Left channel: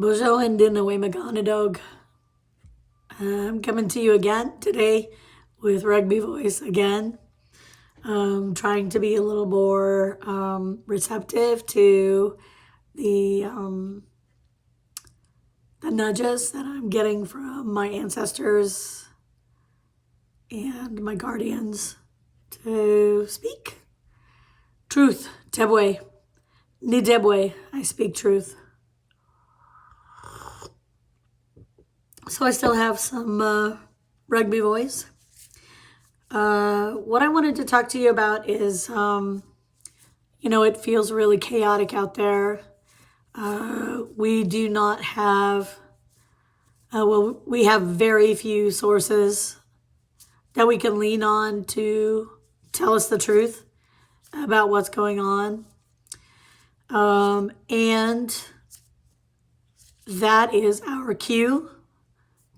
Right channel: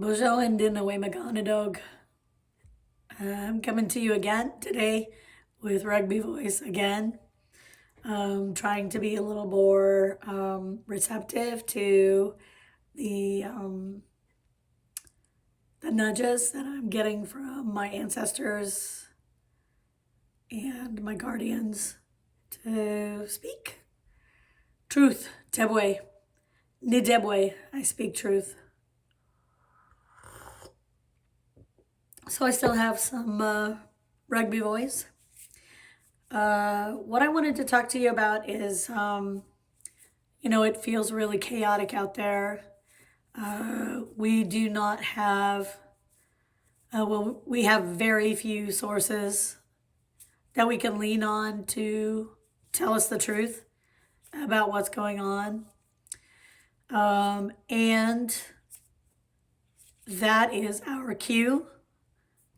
Bojo and Dinaway Maganadog. I'm coming to you again today with rugby voice again. Trying to be a little more receptive to the nudges that I'm getting from my ancestors and my guardians to speak truth. Tebwe. Ni Debwe. I speak truth. So I still have some rugby voice. What I wanted to talk to you about is, it feels really chaotic out there. We do not have, we have very few sources that we can lean on to tell us the truth about what's going on. And that is our cue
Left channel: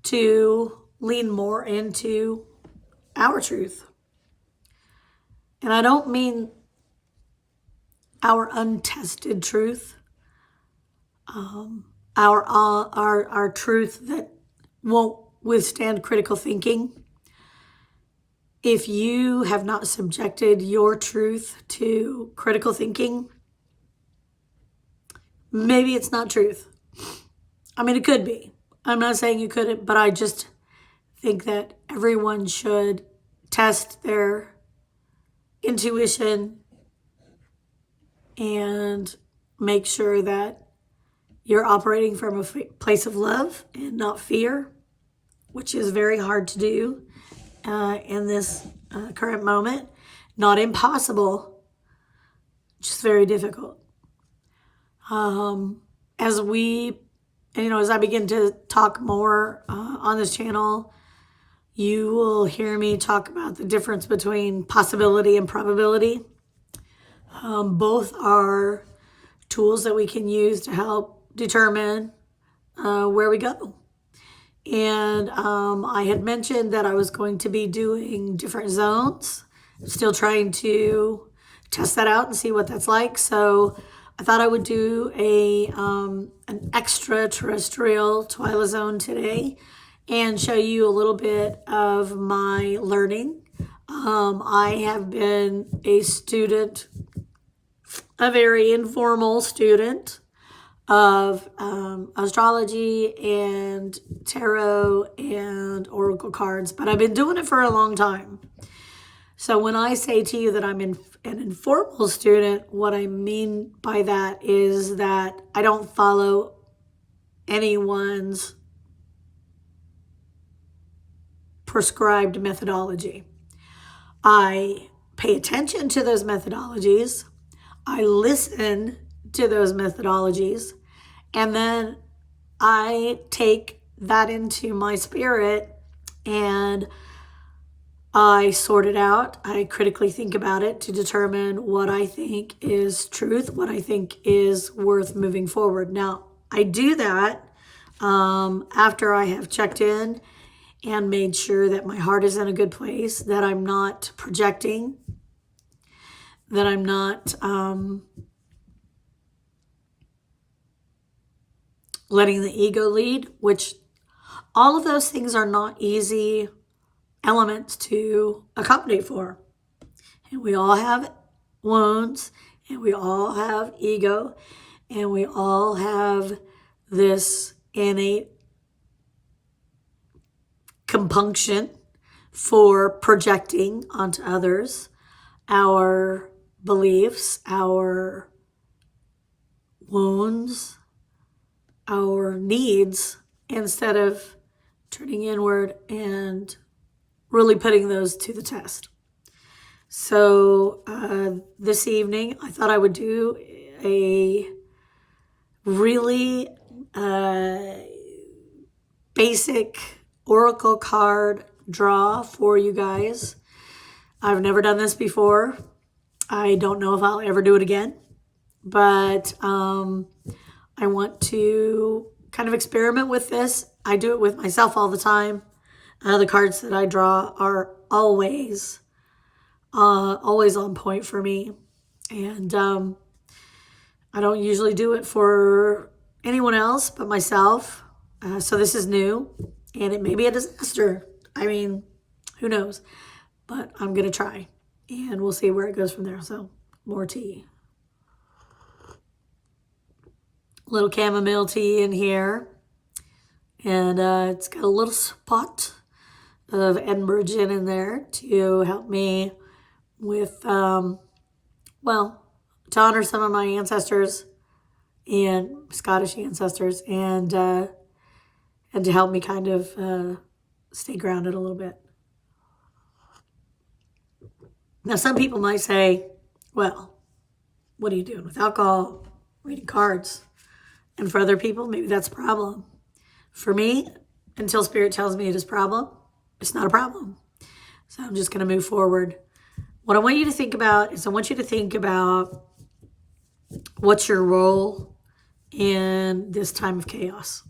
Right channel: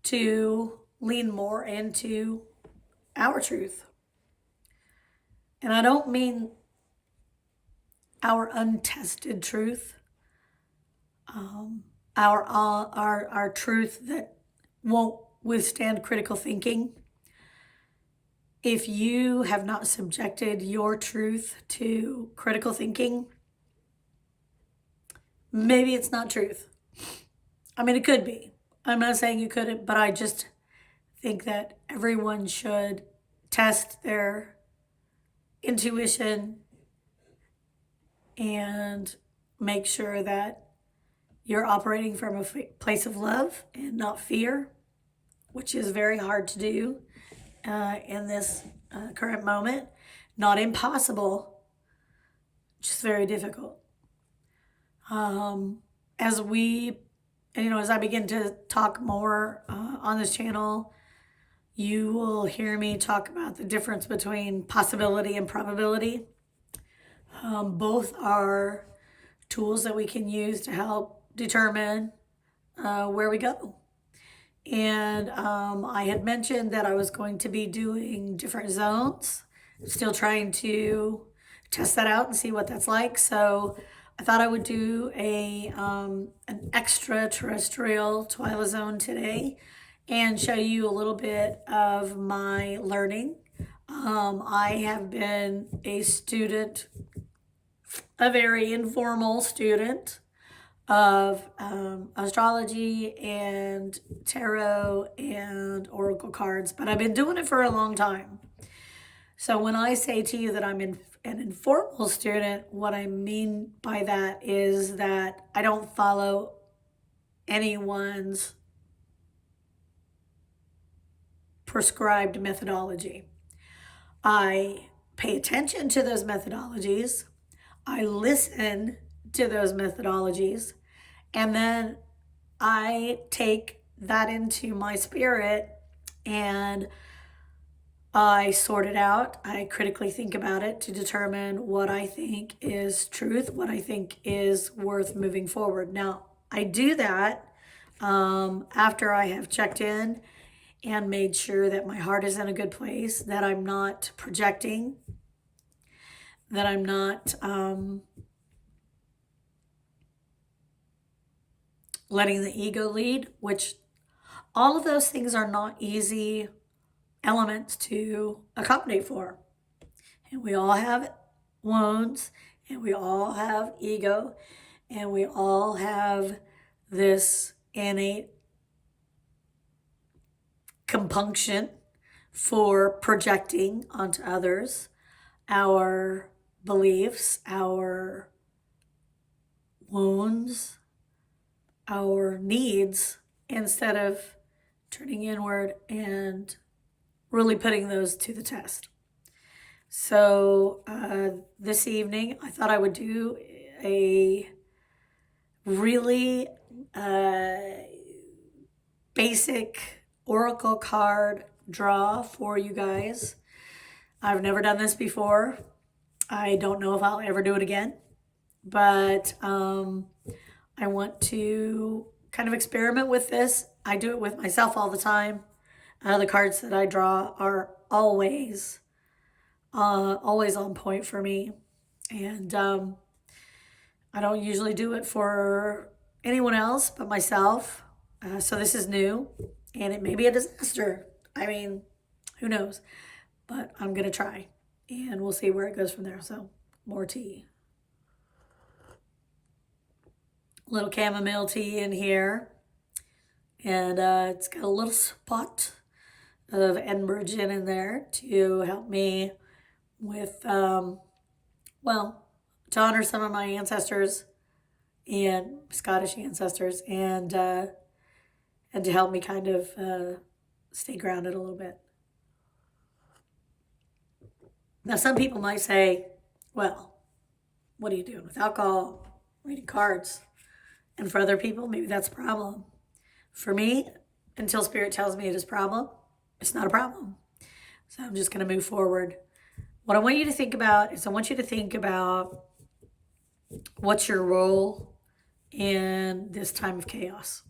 to lean more into our truth. And I don't mean our untested truth, our truth that won't withstand critical thinking. If you have not subjected your truth to critical thinking, maybe it's not truth. I mean, it could be. I'm not saying you couldn't, but I just think that everyone should test their intuition and make sure that you're operating from a place of love and not fear, which is very hard to do in this current moment. Not impossible, just very difficult. As I begin to talk more on this channel, you will hear me talk about the difference between possibility and probability. Both are tools that we can use to help determine where we go. And I had mentioned that I was going to be doing different zones. I'm still trying to test that out and see what that's like. So I thought I would do an extraterrestrial Twyla zone today and show you a little bit of my learning. I have been a student, a very informal student of astrology and tarot and oracle cards, but I've been doing it for a long time. So when I say to you that I'm an informal student, what I mean by that is that I don't follow anyone's prescribed methodology. I pay attention to those methodologies. I listen to those methodologies, and then I take that into my spirit and I sort it out. I critically think about it to determine what I think is truth, what I think is worth moving forward. Now, I do that after I have checked in and made sure that my heart is in a good place, that I'm not projecting, that I'm not letting the ego lead, which all of those things are not easy elements to accommodate for. And we all have wounds, and we all have ego, and we all have this innate compunction for projecting onto others our beliefs, our wounds, our needs, instead of turning inward and really putting those to the test. So this evening, I thought I would do a really basic oracle card draw for you guys. I've never done this before. I don't know if I'll ever do it again, but I want to kind of experiment with this. I do it with myself all the time. The cards that I draw are always on point for me. And I don't usually do it for anyone else but myself. So this is new, and it may be a disaster. I mean, who knows? But I'm going to try, and we'll see where it goes from there. So more tea. Little chamomile tea in here. And it's got a little spot of Edinburgh gin in there to help me with, well, to honor some of my ancestors and Scottish ancestors, and to help me kind of stay grounded a little bit. Now, some people might say, well, what are you doing with alcohol, reading cards? And for other people, maybe that's a problem. For me, until Spirit tells me it is a problem, it's not a problem. So I'm just going to move forward. What I want you to think about is I want you to think about what's your role in this time of chaos.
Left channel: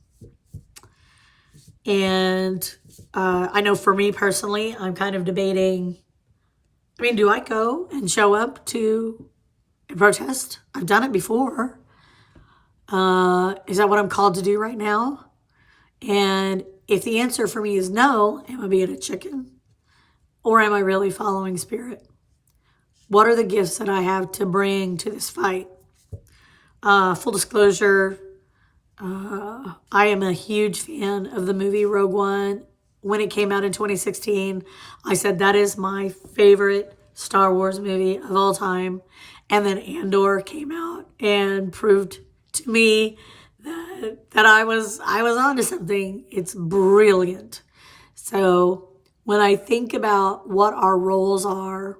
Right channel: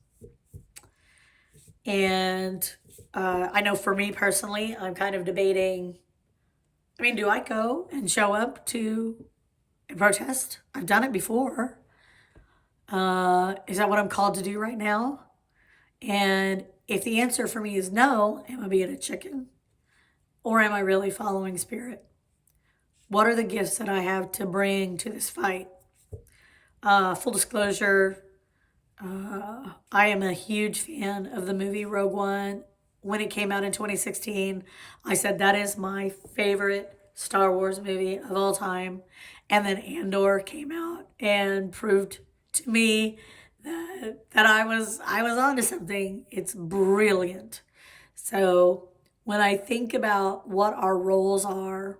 And I know for me personally, I'm kind of debating, I mean, do I go and show up to a protest? I've done it before. Is that what I'm called to do right now? And if the answer for me is no, am I being a chicken? Or am I really following Spirit? What are the gifts that I have to bring to this fight? Full disclosure, I am a huge fan of the movie Rogue One. When it came out in 2016, I said that is my favorite Star Wars movie of all time. And then Andor came out and proved to me that I was onto something. It's brilliant. So when I think about what our roles are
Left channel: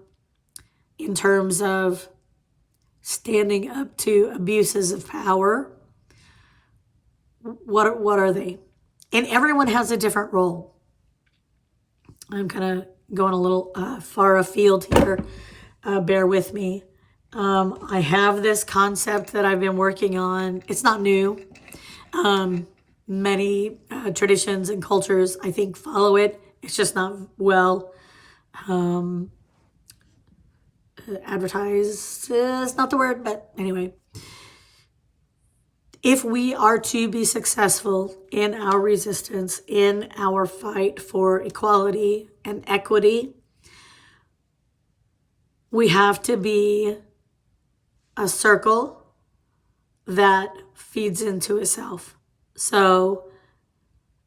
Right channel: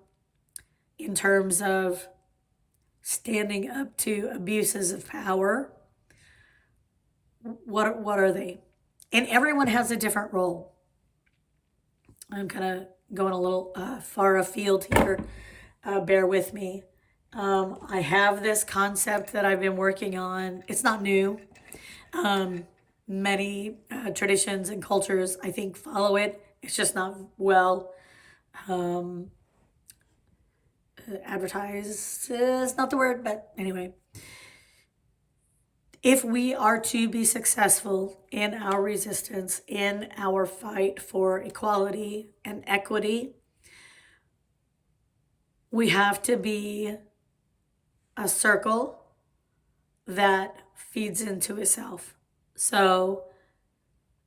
in terms of standing up to abuses of power, what are they? And everyone has a different role. I'm kind of going a little far afield here. Bear with me. I have this concept that I've been working on. It's not new. Many traditions and cultures, I think, follow it. It's just not well advertised is not the word, but anyway. If we are to be successful in our resistance, in our fight for equality and equity, we have to be a circle that feeds into itself. So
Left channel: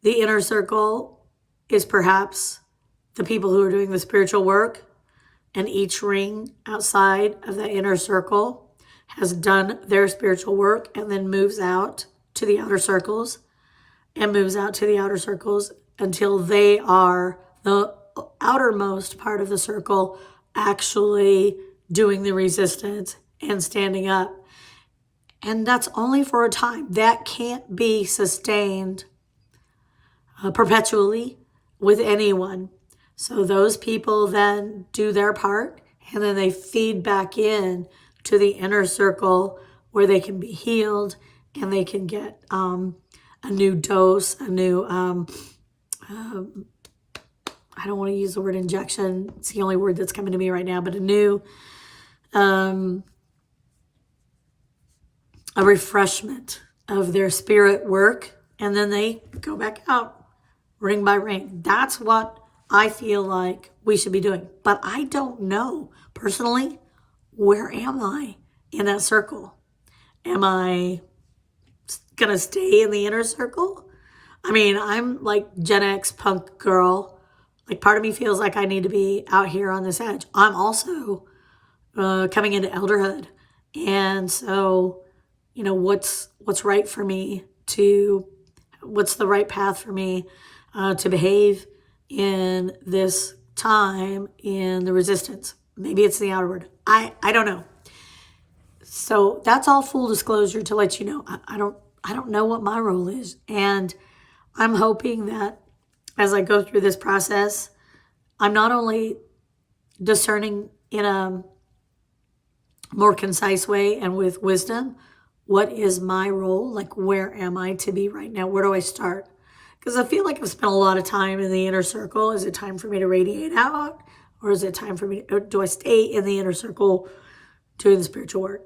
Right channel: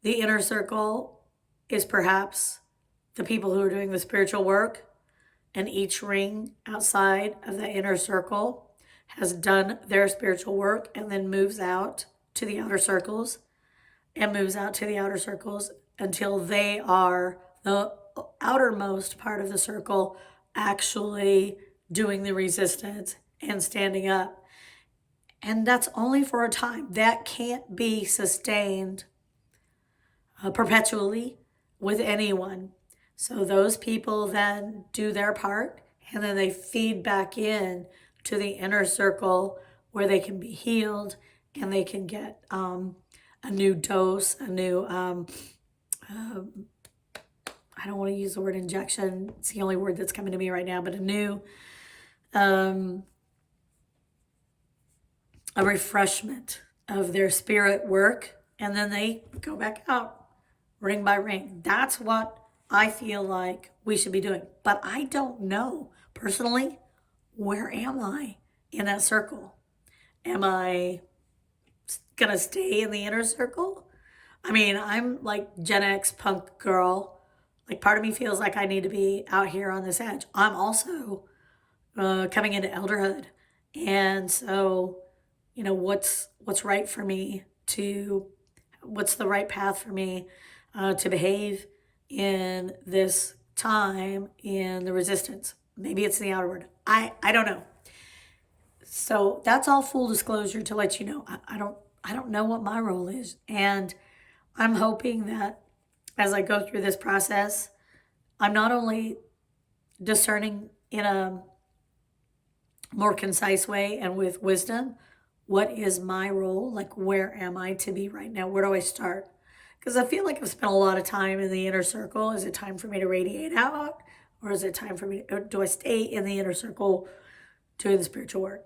the inner circle is perhaps the people who are doing the spiritual work, and each ring outside of the inner circle has done their spiritual work and then moves out to the outer circles and moves out to the outer circles until they are the outermost part of the circle actually doing the resistance and standing up. And that's only for a time. That can't be sustained perpetually with anyone. So those people then do their part, and then they feed back in to the inner circle where they can be healed and they can get a new dose, a new, I don't want to use the word injection. It's the only word that's coming to me right now, but a new, a refreshment of their spirit work. And then they go back out ring by ring. That's what I feel like we should be doing. But I don't know personally, where am I in that circle? Am I going to stay in the inner circle? I mean, I'm like Gen X punk girl. Like part of me feels like I need to be out here on this edge. I'm also coming into elderhood. And so, you know, what's right for me what's the right path for me to behave in this time in the resistance? Maybe it's the outward. I don't know. So that's all full disclosure to let you know. I don't know what my role is. And I'm hoping that as I go through this process, I'm not only discerning in a more concise way and with wisdom, what is my role? Like, where am I to be right now? Where do I start? Because I feel like I've spent a lot of time in the inner circle. Is it time for me to radiate out? Or is it time for me, or do I stay in the inner circle doing the spiritual work?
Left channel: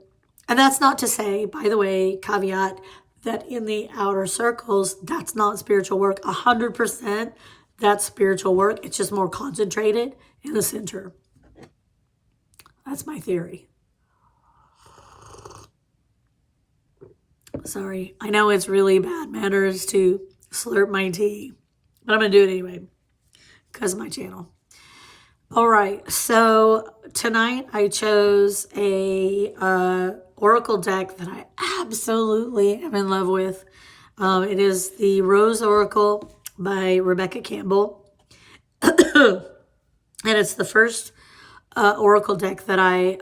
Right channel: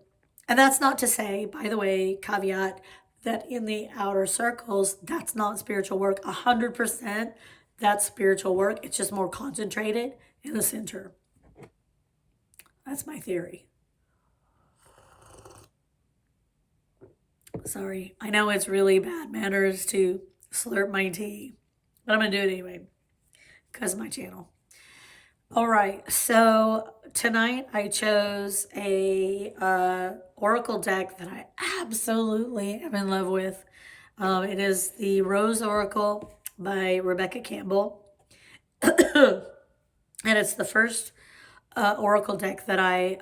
And that's not to say, by the way, caveat, that in the outer circles, that's not spiritual work. 100% that's spiritual work. It's just more concentrated in the center. That's my theory. Sorry. I know it's really bad manners to slurp my tea, but I'm going to do it anyway because of my channel. All right. So tonight I chose a oracle deck that I absolutely am in love with. It is the Rose Oracle by Rebecca Campbell. And it's the first oracle deck that I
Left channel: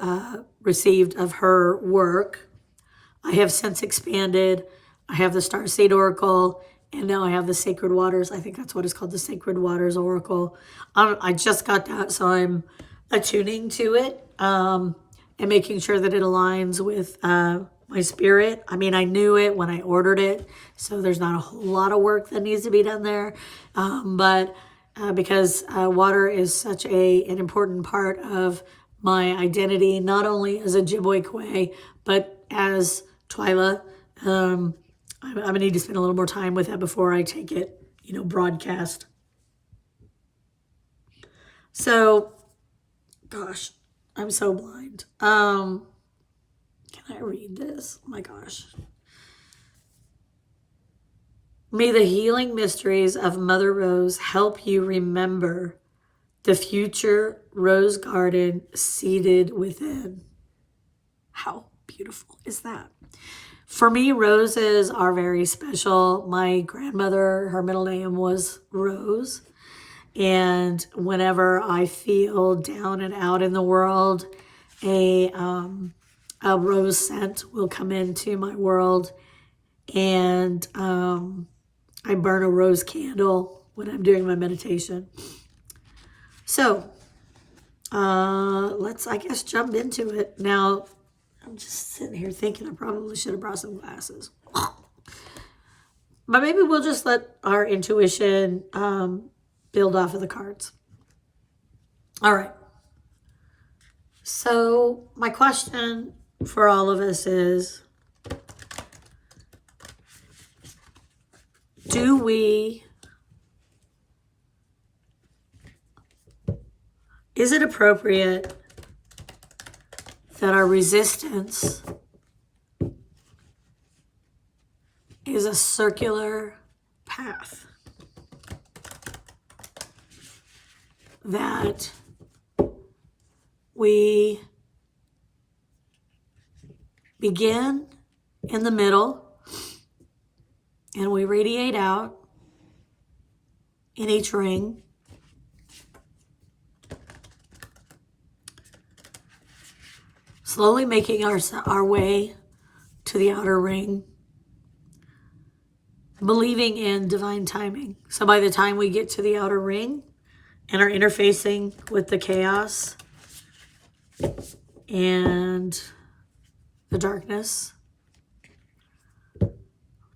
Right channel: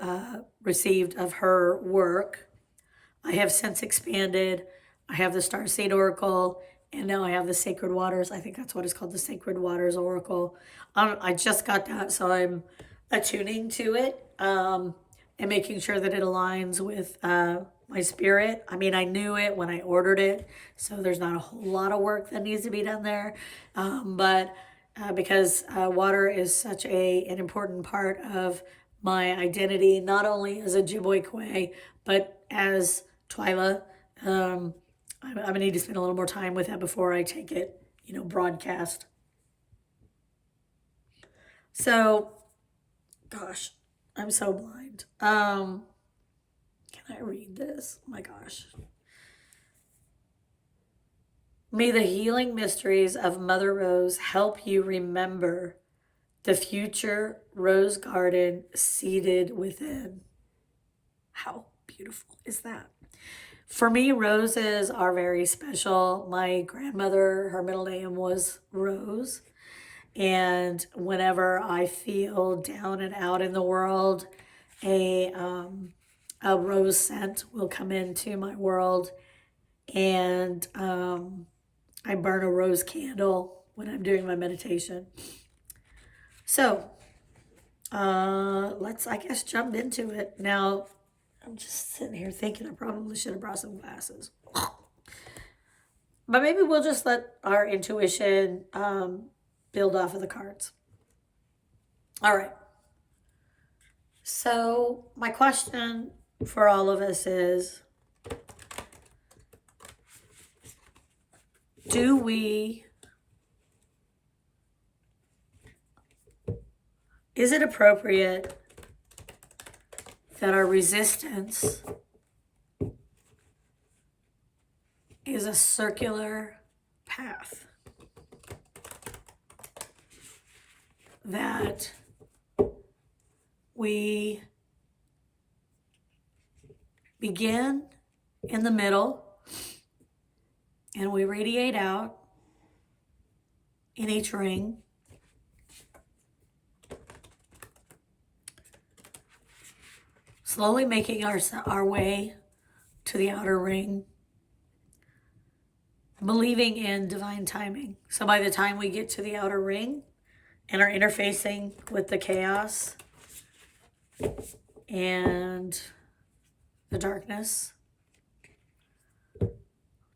received of her work. I have since expanded. I have the Starseed Oracle, and now I have the Sacred Waters. I think that's what it's called, the Sacred Waters Oracle. I just got that, so I'm attuning to it and making sure that it aligns with my spirit. I mean, I knew it when I ordered it, so there's not a whole lot of work that needs to be done there. But because water is such an important part of my identity, not only as a Ojibwe, but as Twyla. I'm going to need to spend a little more time with that before I take it, broadcast. So, gosh, I'm so blind. Can I read this? Oh my gosh. May the healing mysteries of Mother Rose help you remember the future rose garden seated within. How beautiful is that? For me, roses are very special. My grandmother, her middle name was Rose. And whenever I feel down and out in the world, a rose scent will come into my world. And I burn a rose candle when I'm doing my meditation. So let's, I guess, jump into it. Now, I'm just sitting here thinking I probably should have brought some glasses. But maybe we'll just let our intuition build off of the cards. All right. So my question for all of us is, is it appropriate that our resistance is a circular path? That we begin in the middle and we radiate out in each ring. Slowly making our way to the outer ring, believing in divine timing. So by the time we get to the outer ring and are interfacing with the chaos and the darkness,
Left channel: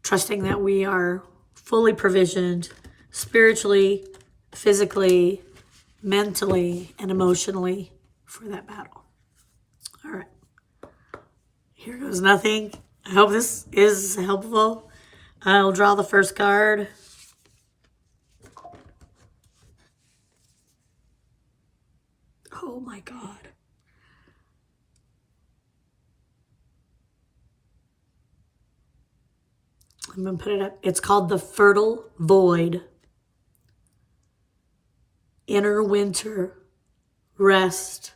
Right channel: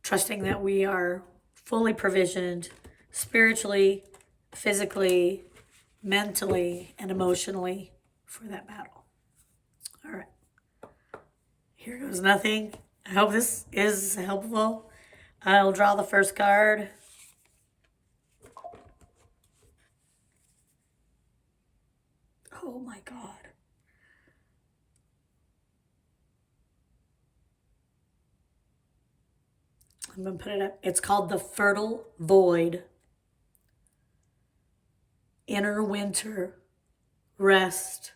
trusting that we are fully provisioned spiritually, physically, mentally, and emotionally for that battle. All right. Here goes nothing. I hope this is helpful. I'll draw the first card. Oh my God. I'm going to put it up. It's called the Fertile Void. Inner winter, rest,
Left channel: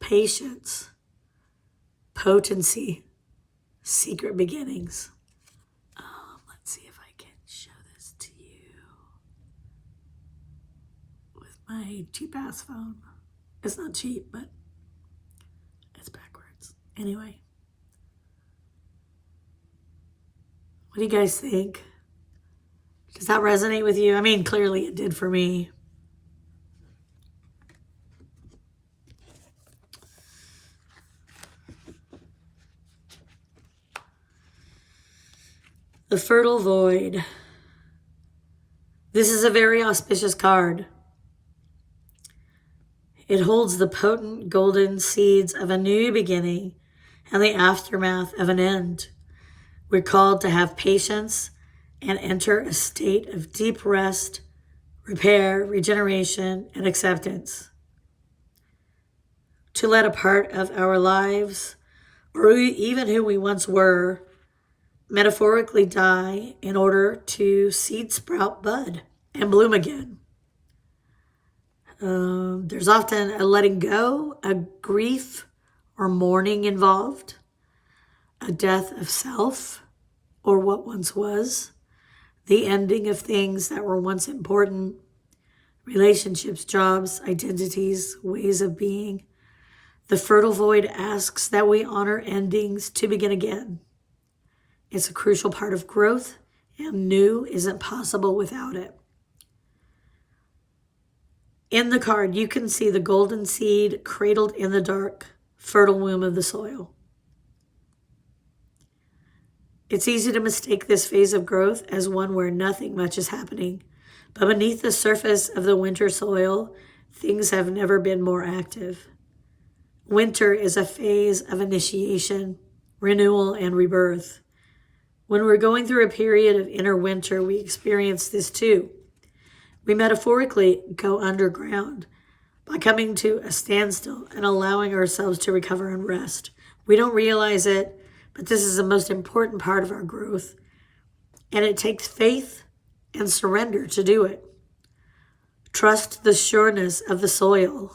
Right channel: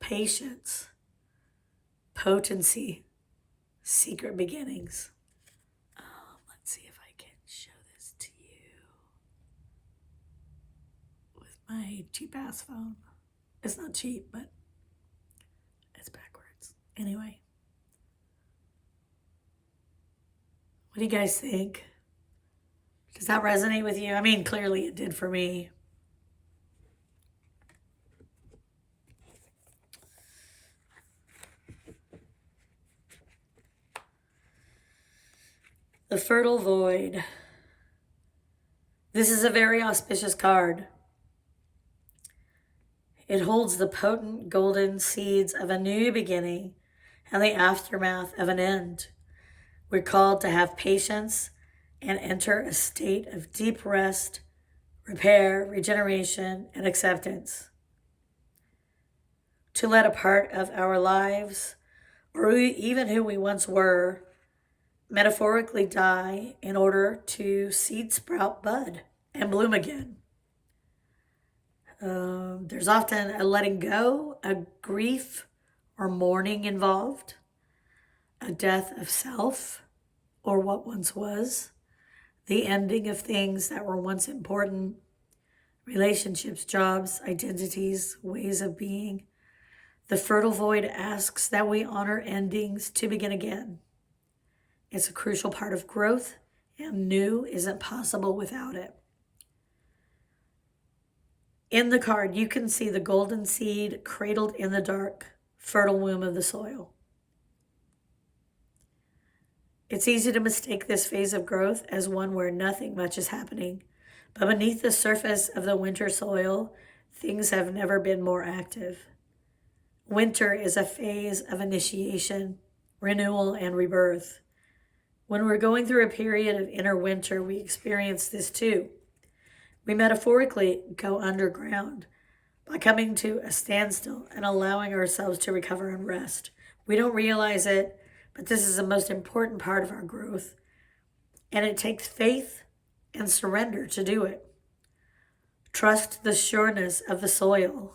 patience, potency, secret beginnings. Let's see if I can show this to you with my cheap-ass phone. It's not cheap, but it's backwards. Anyway. What do you guys think? Does that resonate with you? I mean, clearly it did for me. The Fertile Void. This is a very auspicious card. It holds the potent golden seeds of a new beginning and the aftermath of an end. We're called to have patience and enter a state of deep rest, repair, regeneration, and acceptance. To let a part of our lives, or even who we once were, metaphorically die in order to seed sprout, bud, and bloom again. There's often a letting go, a grief or mourning involved, a death of self or what once was, the ending of things that were once important, relationships, jobs, identities, ways of being. The fertile void asks that we honor endings to begin again. It's a crucial part of growth, and new isn't possible without it. In the card, you can see the golden seed cradled in the dark, fertile womb of the soil. It's easy to mistake this phase of growth as one where nothing much is happening, but beneath the surface of the winter soil, things have never been more active. Winter is a phase of initiation, renewal, and rebirth. When we're going through a period of inner winter, we experience this too. We metaphorically go underground by coming to a standstill and allowing ourselves to recover and rest. We don't realize it, but this is the most important part of our growth, and it takes faith and surrender to do it. Trust the sureness of the soil.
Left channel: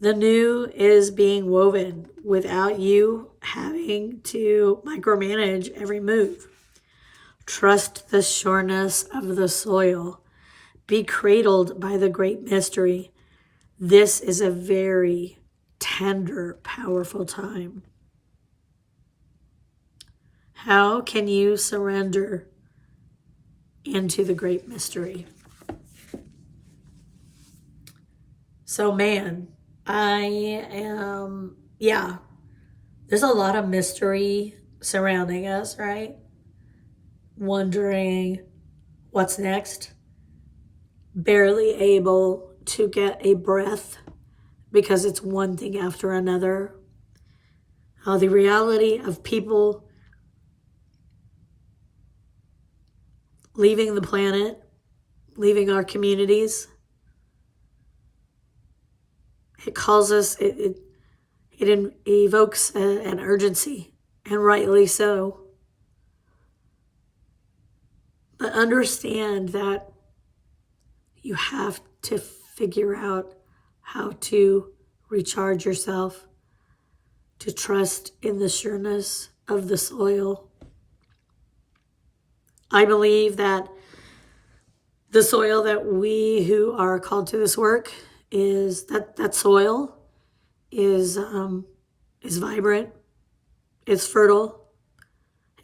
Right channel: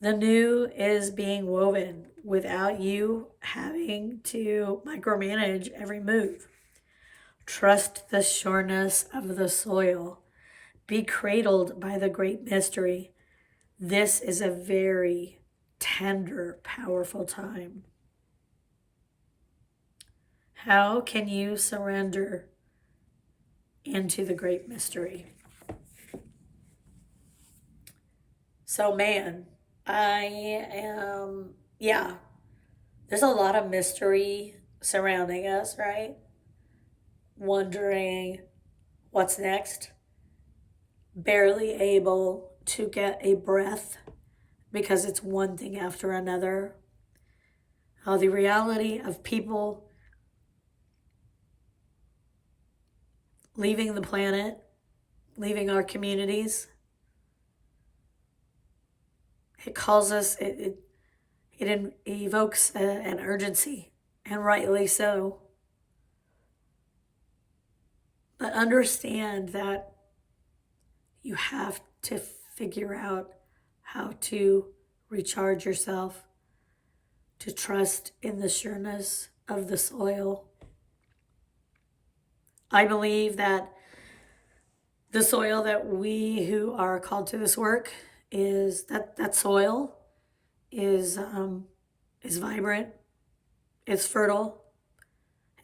The new is being woven without you having to micromanage every move. Trust the sureness of the soil. Be cradled by the great mystery. This is a very tender, powerful time. How can you surrender into the great mystery? So, man, there's a lot of mystery surrounding us, right? Wondering what's next, barely able to get a breath because it's one thing after another. The reality of people leaving the planet, leaving our communities, it calls us, it evokes an urgency, and rightly so. But understand that you have to figure out how to recharge yourself, to trust in the sureness of the soil. I believe that the soil that we who are called to this work is that soil is vibrant, it's fertile,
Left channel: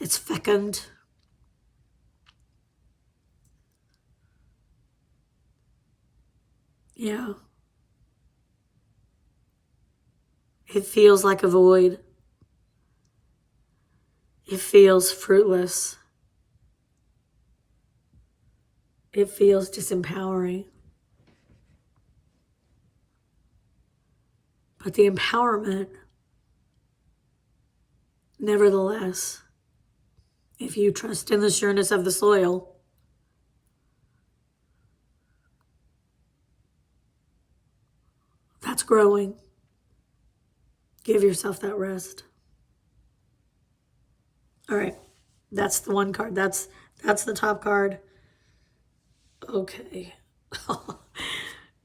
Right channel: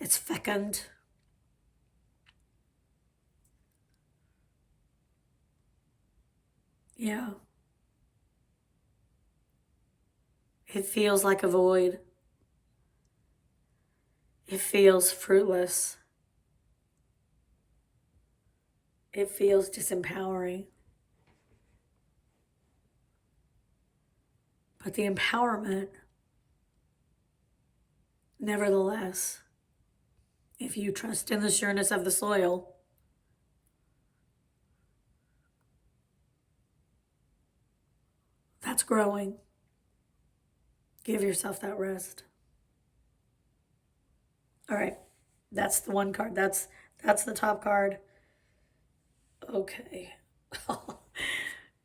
it's fecund. Yeah. It feels like a void. It feels fruitless. It feels disempowering. But the empowerment, nevertheless, if you trust in the sureness of the soil, that's growing. Give yourself that rest. All right, that's the one card. That's the top card. Okay.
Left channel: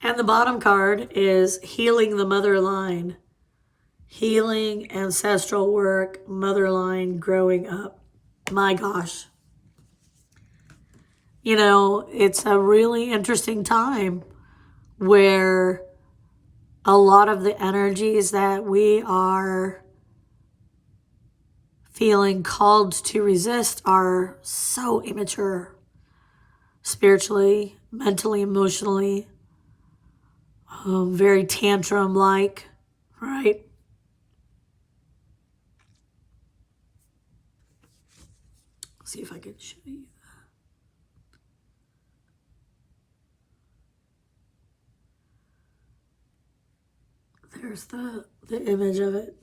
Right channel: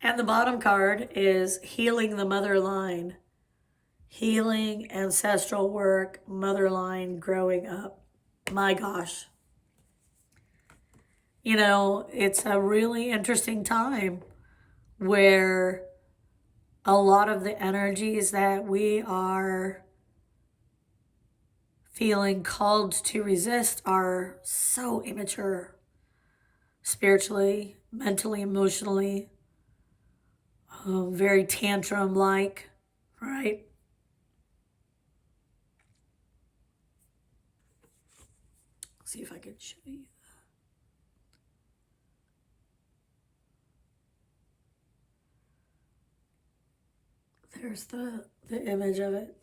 And the bottom card is healing the mother line. Healing, ancestral work, mother line, growing up. My gosh. You know, it's a really interesting time where a lot of the energies that we are feeling called to resist are so immature, spiritually, mentally, emotionally, very tantrum-like, right? See if I can show you that. There's the image of it.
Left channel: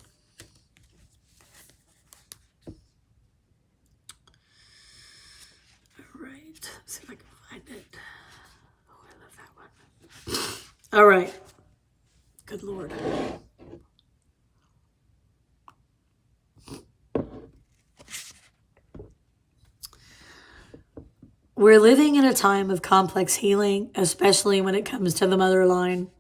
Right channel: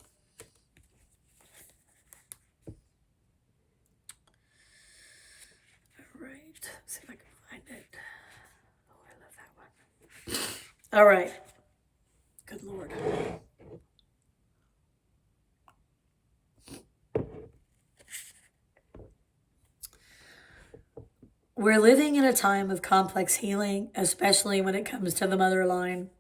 All right. Good Lord. We're living in a time of complex healing, especially when it comes to the mother line.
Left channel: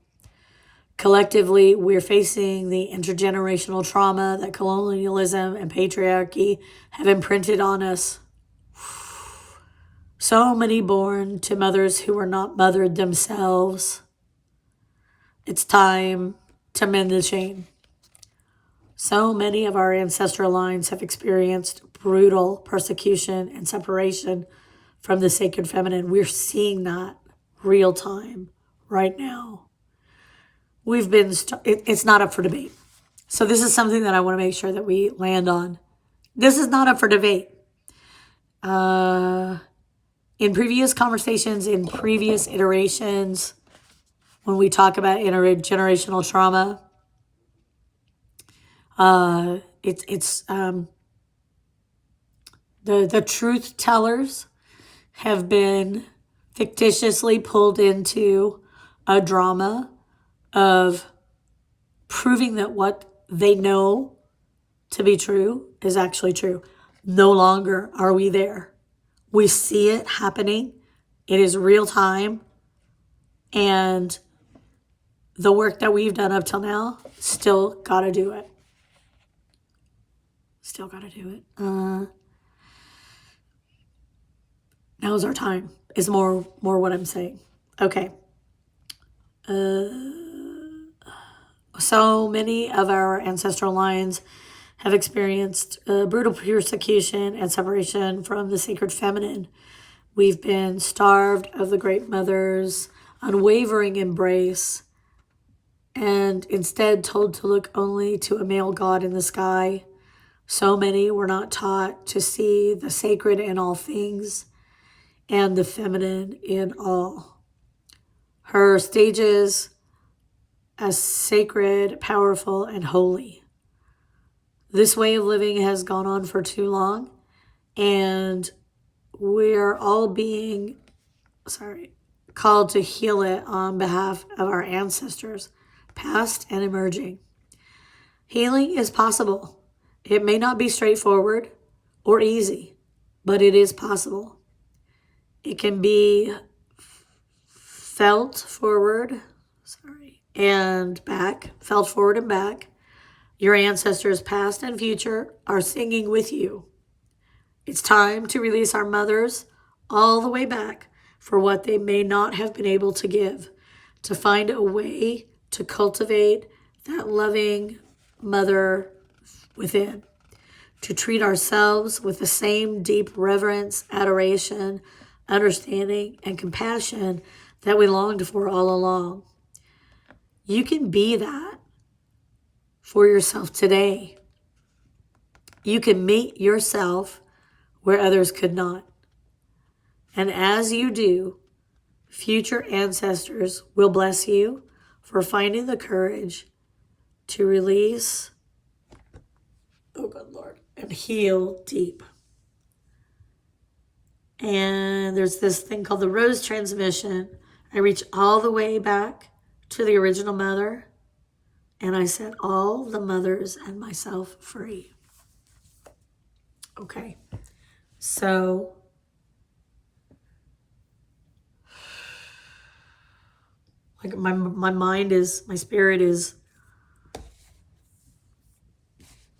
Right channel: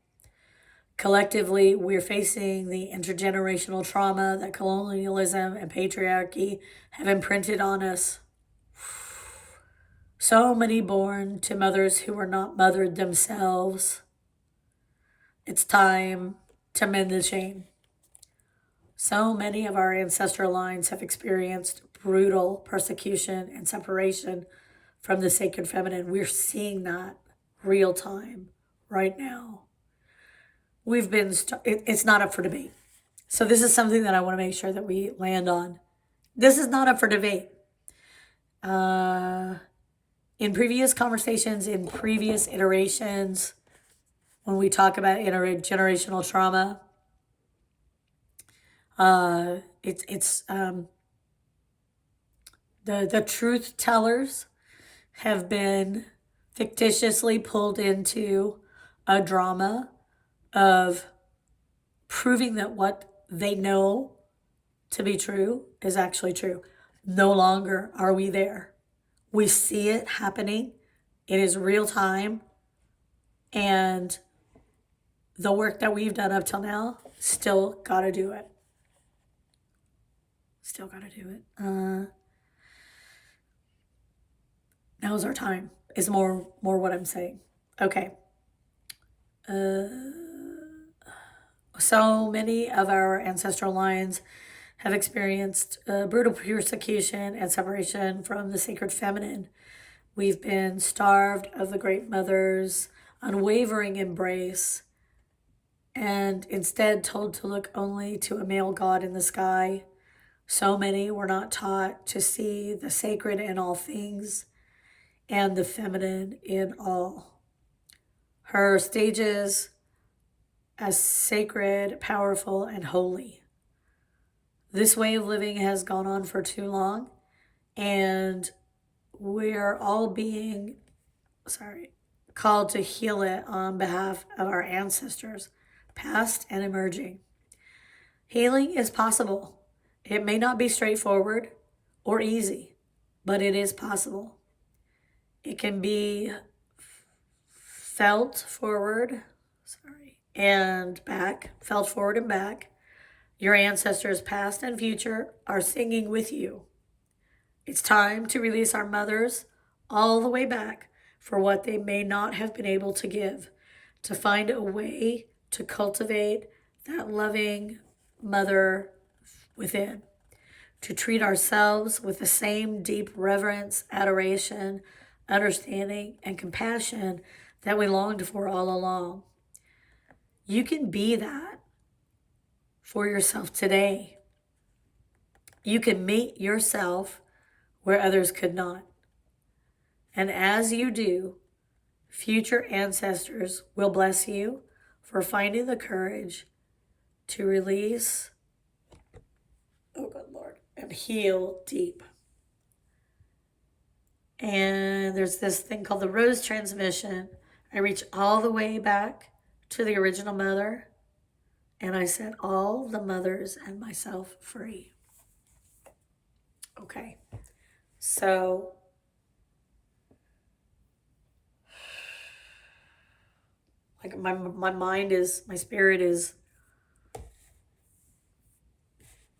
Collectively, we're facing the intergenerational trauma that colonialism and patriarchy have imprinted on us. So many born to mothers who were not mothered themselves. It's time to mend the chain. So many of our ancestral lines have experienced brutal persecution and separation from the sacred feminine. We're seeing that real time right now. It's not up for debate. So this is something that I want to make sure that we land on. This is not up for debate. In previous conversations, in previous iterations, when we talk about intergenerational trauma, the truth tellers have been fictitiously pulled into a drama of proving that what they know to be true is actually true. No longer are we there. We see it happening. It is real time. And the work that we've done up till now, still got to do it. Still got to do it. Now's our time, is more what I'm saying. Okay. So many of our ancestral lines have experienced brutal persecution and separation from the sacred feminine. We've been starved of the great mother's unwavering embrace and instead told to look only to a male god in the sky. So many were not taught to see the sacred in all things and the feminine in all. Her stages as sacred, powerful, and holy. This way of living has gone on for too long, and we're all being called to heal it on behalf of our ancestors, past and emerging. Healing is possible. It may not be straightforward or easy, but it is possible. It can be felt forward and back. Your ancestors, past and future, are singing with you. It's time to release our mothers all the way back for what they may not have been able to give, to find a way to cultivate that loving mother within, to treat ourselves with the same deep reverence, adoration, understanding, and compassion that we longed for all along. You can be that for yourself today. You can meet yourself where others could not. And as you do, future ancestors will bless you for finding the courage to release, oh good Lord, and heal deep. And there's this thing called the rose transmission. I reach all the way back to the original mother, and I set all the mothers and myself free. Okay, so like my spirit is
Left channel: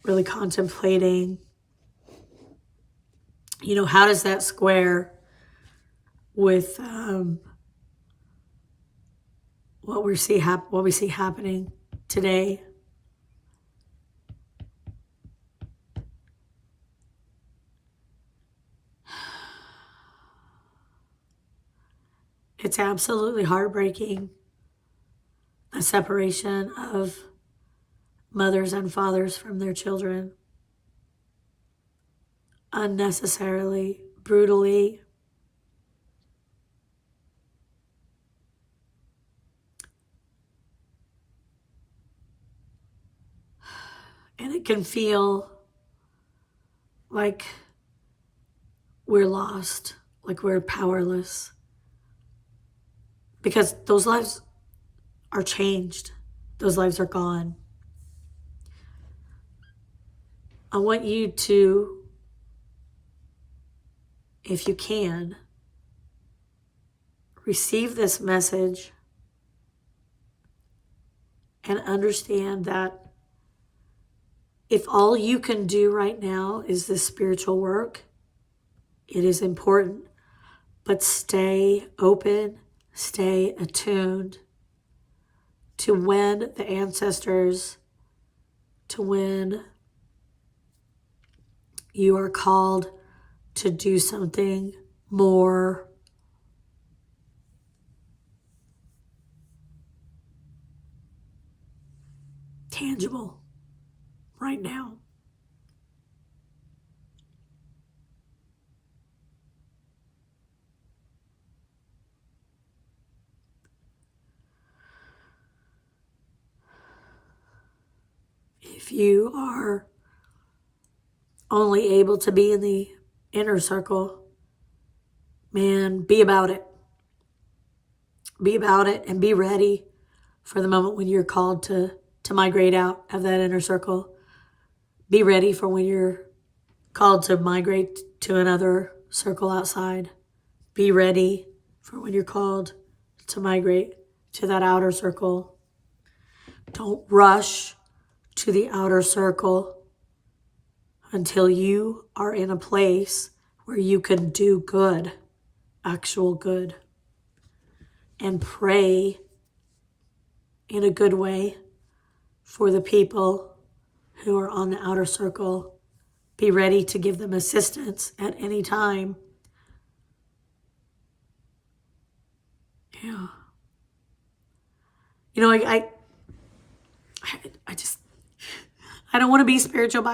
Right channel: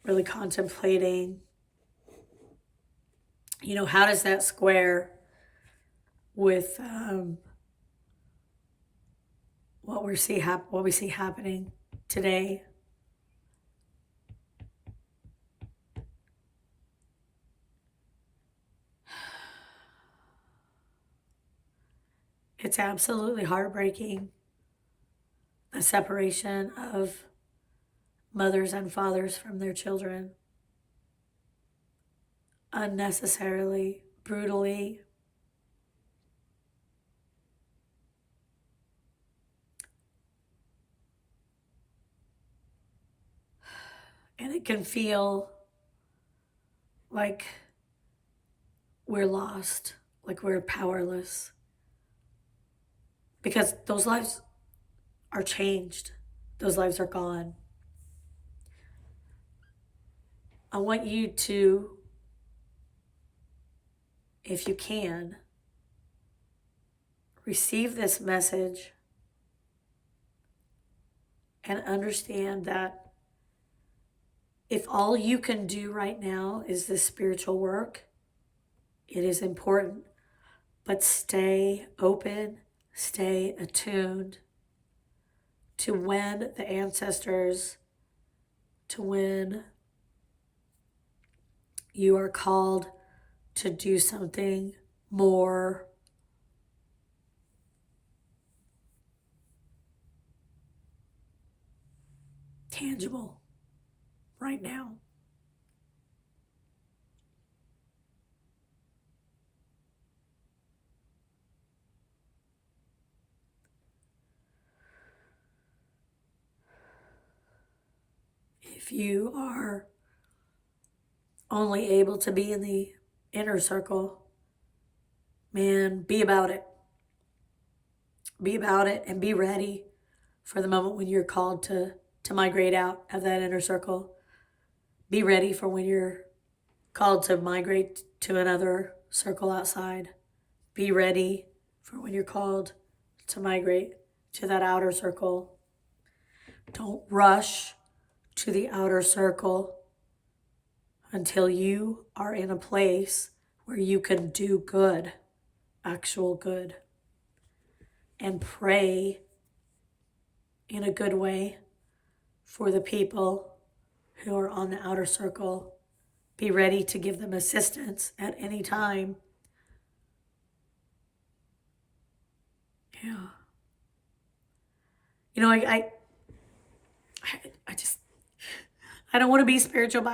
really contemplating, how does that square with what we see happening today. It's absolutely heartbreaking, the separation of mothers and fathers from their children, unnecessarily, brutally. And it can feel like we're lost, like we're powerless, because those lives are changed. Those lives are gone. I want you to, if you can, receive this message and understand that if all you can do right now is this spiritual work, it is important, but stay open, stay attuned to when the ancestors, to when you are called to do something more tangible right now. If you are only able to be in the inner circle, man, be about it. Be about it and be ready for the moment when you're called to migrate out of that inner circle. Be ready for when you're called to migrate to another circle outside. Be ready for when you're called to migrate to that outer circle. Don't rush to the outer circle until you are in a place where you can do good, actual good, and pray in a good way for the people who are on the outer circle. Be ready to give them assistance at any time. Yeah. You know, I just, I don't want to be spiritually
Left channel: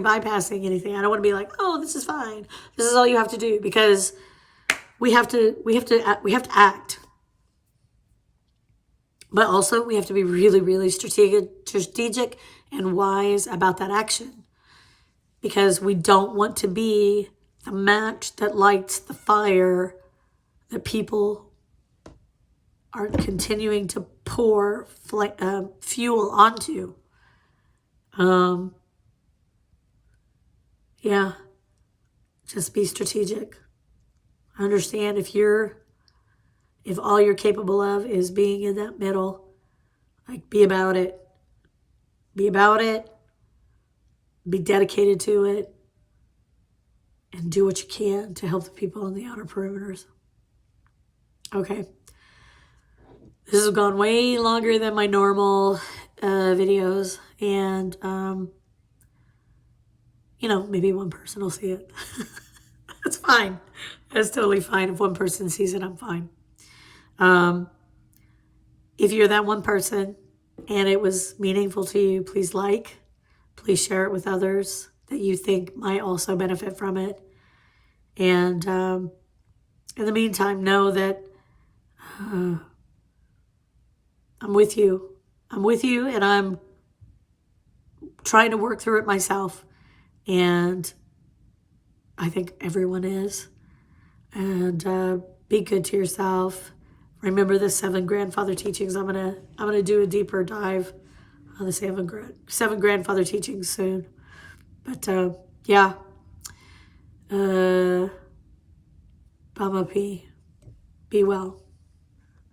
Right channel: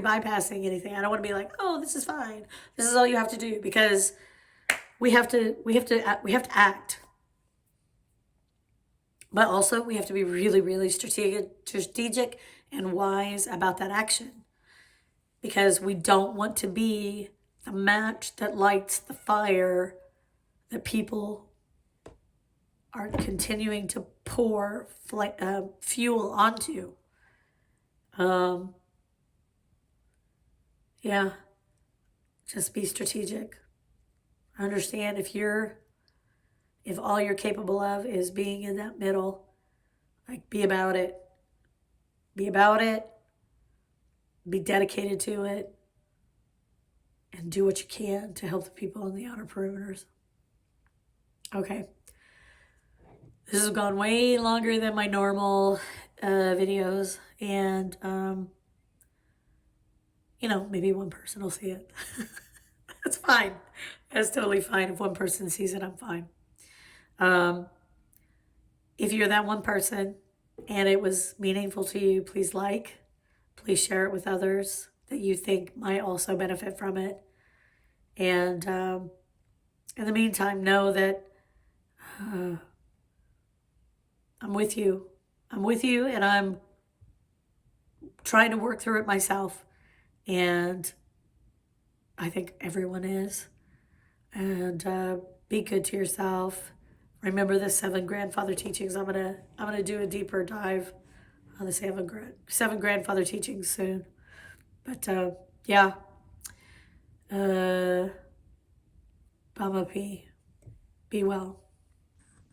bypassing anything. I don't want to be like, oh, this is fine. This is all you have to do, because we have to act. But also we have to be really, really strategic and wise about that action, because we don't want to be the match that lights the fire that people are continuing to pour fuel onto. Yeah, just be strategic. Understand if all you're capable of is being in that middle, like, be about it. Be about it. Be dedicated to it. And do what you can to help the people on the outer perimeters. Okay. This has gone way longer than my normal videos. And, maybe one person will see it. That's fine. That's totally fine. If one person sees it, I'm fine. If you're that one person and it was meaningful to you, please share it with others that you think might also benefit from it. And in the meantime, know that I'm with you. I'm with you, and I'm trying to work through it myself. And I think everyone is. And be good to yourself. Remember the 7 grandfather teachings. I'm gonna do a deeper dive on the 7 grandfather teachings soon. But yeah. Bama P. Be well.